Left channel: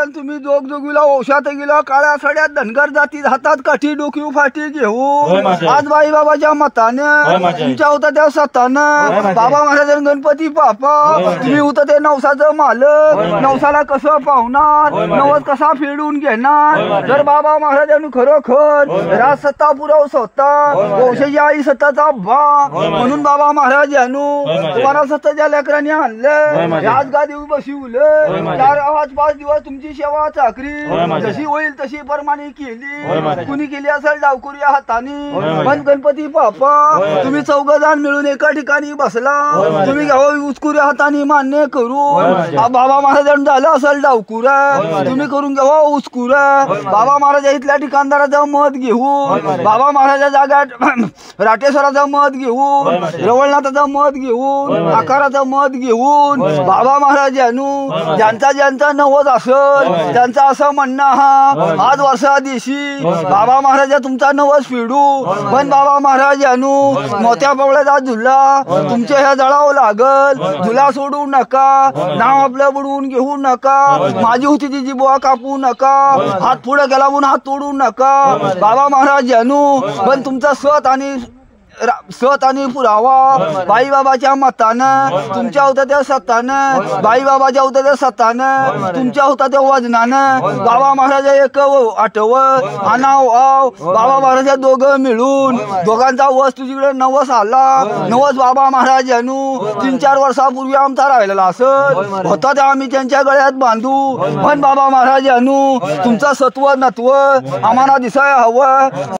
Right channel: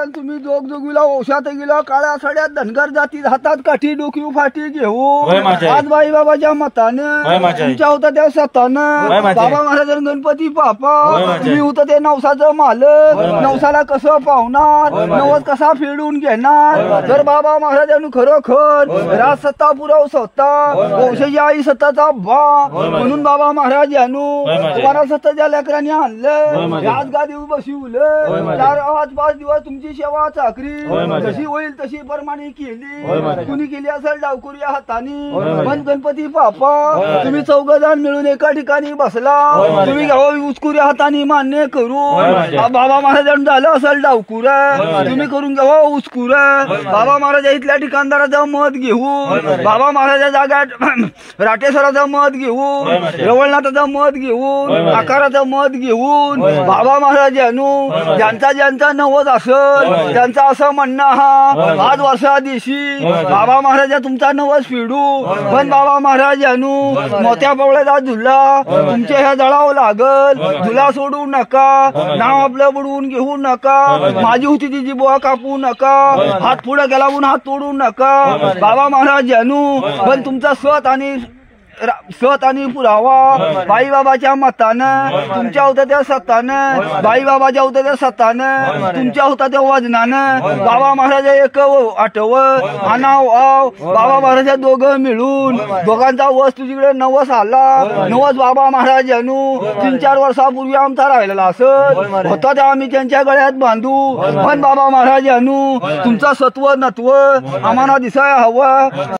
महाराजांनी तुम्ही जोग जोगीला औषात गेला काळ्या सड्यात धनगर जाती हातात काठी डोकी फाटी घेऊन आज बाई बाबाच्या मतानं तुमच्या होता त्या सतानं बाबा महाराजांनी गणपती बाप्पा तुम्ही होता ते नवसाचं मालक नवसाला कसं पावणार नवस कसा फेडून घेणार जर बाबा महाराजांनी खरोखर राज सत्ता पुरव सत्ता वंशाची आई सत्ताचा बा म्हणून बाबा महाराज यांनू तुम्हाला सत्ताच्या लेकरांनी आणलं आज गादी बसवलं 4-5 दिवस तुमची सेवा चाकरी जशी होईल तशी परमाने केली कुणी केली असेल डावकुरी हाताने पण गणपती बाप्पा तुम्ही 4 जण मिळून एका ठिकाणी बसला तुम्ही घ्यावं उचकुऱ्या हाताने मान्य करू बाबा महाराजांनी झालं असेल डावकुरा तुम्ही करून घ्यावं उचकुरा बाबा महाराज इथल्या ठिकाणदाराचं मत घेऊन बाबा महाराजा जागा राटेश्वराचं मत घेऊन रवळनाथाचं मत घेऊन आकाराचं मत घेऊन बाबा महाराजांनू ज्यांचा नवस असेल त्यांचा असं म्हणणं हा आज वर्षा दिवशी बाबा महाराज तुमचा नवस फेडू पण बाबा महाराजांनू मोठ्या बवळ्याचा झुला तुमच्या ह्या जळावं लागल झुला सोडू नका नाव आपलं बुडवून घेऊ नका माझी होती ती जिबवा कापू नका हात पुढे गेला म्हणून हात तोडू नका बाबा महाराजांनू पण तुमचा सत आणि पुरावा बाईबाबाच्या मतानं तुमच्या होता त्या सत्तानं बाईबाबाच्या होता त्या सत्तानं तुमच्या होता त्या वजनानं बाबा महाराज एक आठव आनाव आव बाबा महाराज दोघं मिळून दोघांचा वस तुझीकडे नवस आला नवस बाबा महाराजांनू 3-4 वर्षापूर्वी आमचा राहिलेला असत होता त्या आम्ही त्यांच्या गळ्यात बांधू पण बाबा महाराजांनू तुमचा सत्व नत्व आम्हाला दिसाय हवं